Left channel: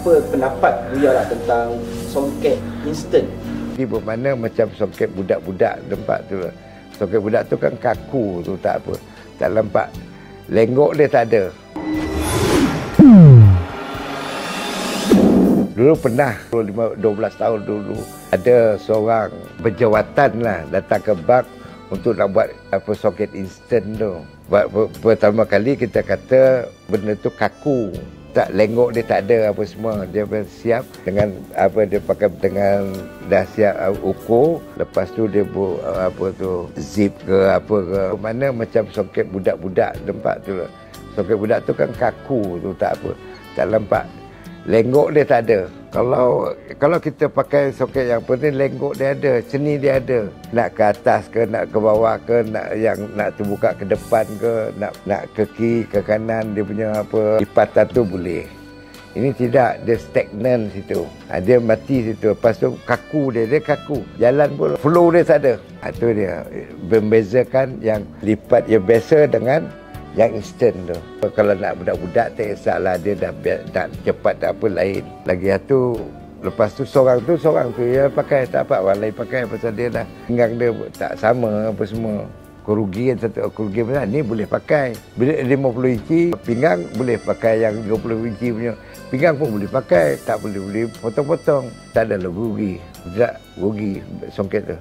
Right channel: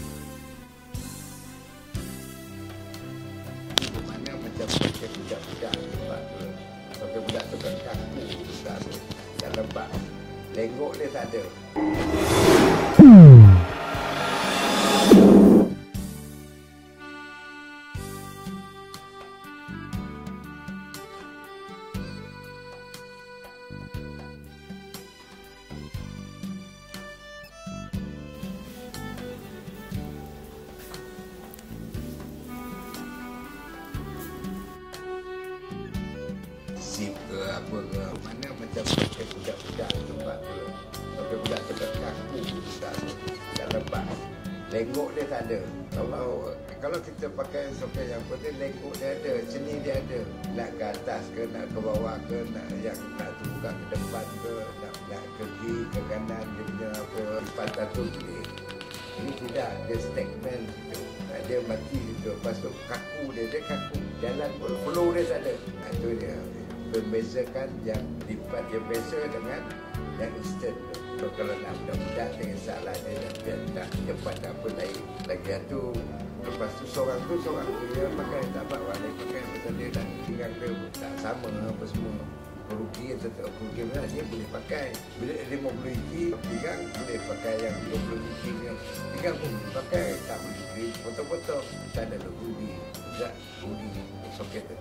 apa pendapat beliau lah tentang songket instant? Di mana macam soket budak-budak tempat tu. Soket budak tu kan kaku tu, tak apa. Tak lempak. Lenggok dia tak ada. Dulu pernah, 12 tahun dulu, ada seorang berjawatan lah datang ke bank untuk nak buat apa soket instant tu. Pertama kali kita kata benda tu kaku. Tak, lenggok dia tak ada apa semua. Dia siap dengan apa, dia pakai dengan dah siap ukur. Lepas tu dia buat apa tu, zip ke apa ke. Mana macam soket budak-budak tempat tu. Soket budak tu kan kaku tu, tak apa. Tak lempak. Lenggok dia tak ada. Kalau kita pakai soket yang penting, lenggok dia ada, seni dia ada. Nak ke atas ke, nak ke bawah ke, nak terbuka ke depan ke, nak ke kiri, ke kanan, dia punya apa lipatan tu boleh. Ini tidak, dia stagnan situ. Dia mati situ. Lepas tu kaku dia kaku. Jalan pun flow dia tak ada. Itu dia membezakan yang lipat yang biasa dengan yang instant tu. Kalau nak budak-budak tak kisahlah, dia dah cepat tak apa lain. Lagi satu, lepas tu seorang tu dia pakai, tak apa orang lain pakai pasal dia dah pinggang dia tak sama apa semua. Kerugian besar ni boleh pakai. Bila 50 inci pinggang boleh pakai, yang 20 inci punya pinggang pun boleh pakai. Tak boleh potong-potong. Tak ada rugi. Tidak rugi songket tu.